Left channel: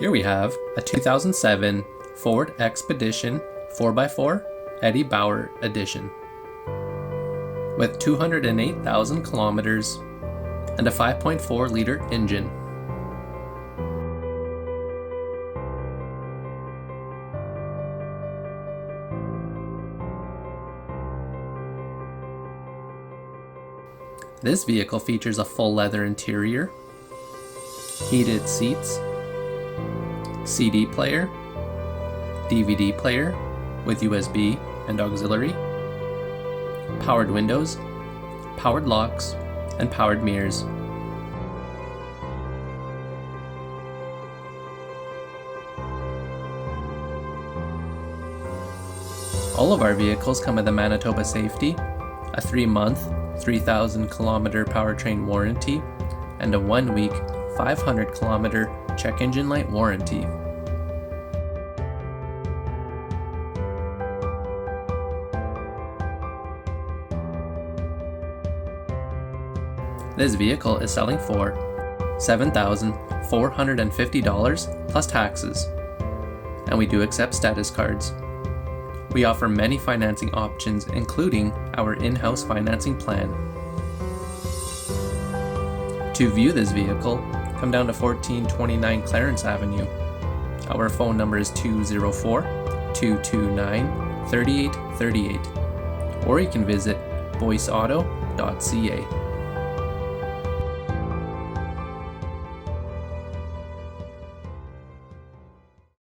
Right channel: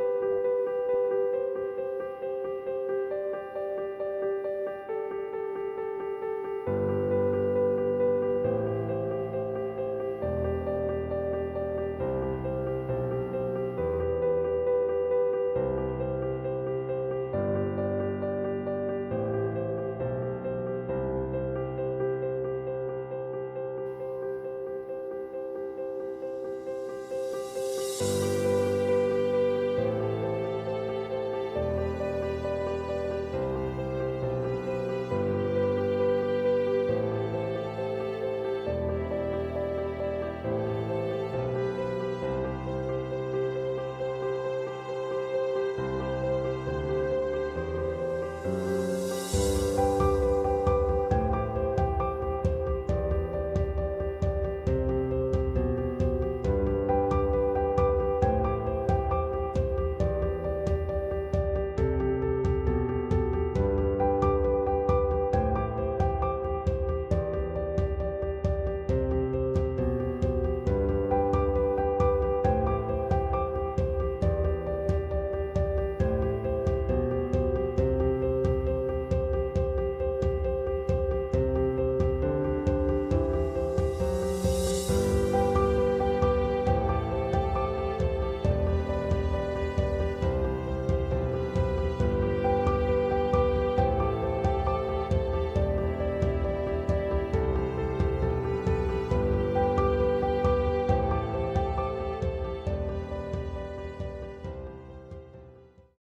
Here we have a 2007 Ford Expedition 4x4 Eddie Bauer edition with 208,000 kilometers and a 5.4 liter engine. This vehicle features a full leather interior, heated seats, CD player, DVD player with USB and auxiliary, powered windows, powered locks, and powered mirrors. All of our vehicles come with a Manitoba Safety, a 3-month, 3,000 kilometer powertrain warranty, and a 1-week, 500 kilometer check engine light warranty. This vehicle is selling for $7,450 plus taxes, and we do accept status cards. We offer many financing options, including our in-house financing plan. To view this vehicle, come down to 1429 Clarence Avenue. Our phone number is 204-229-3838, or you can visit boyceauto.ca.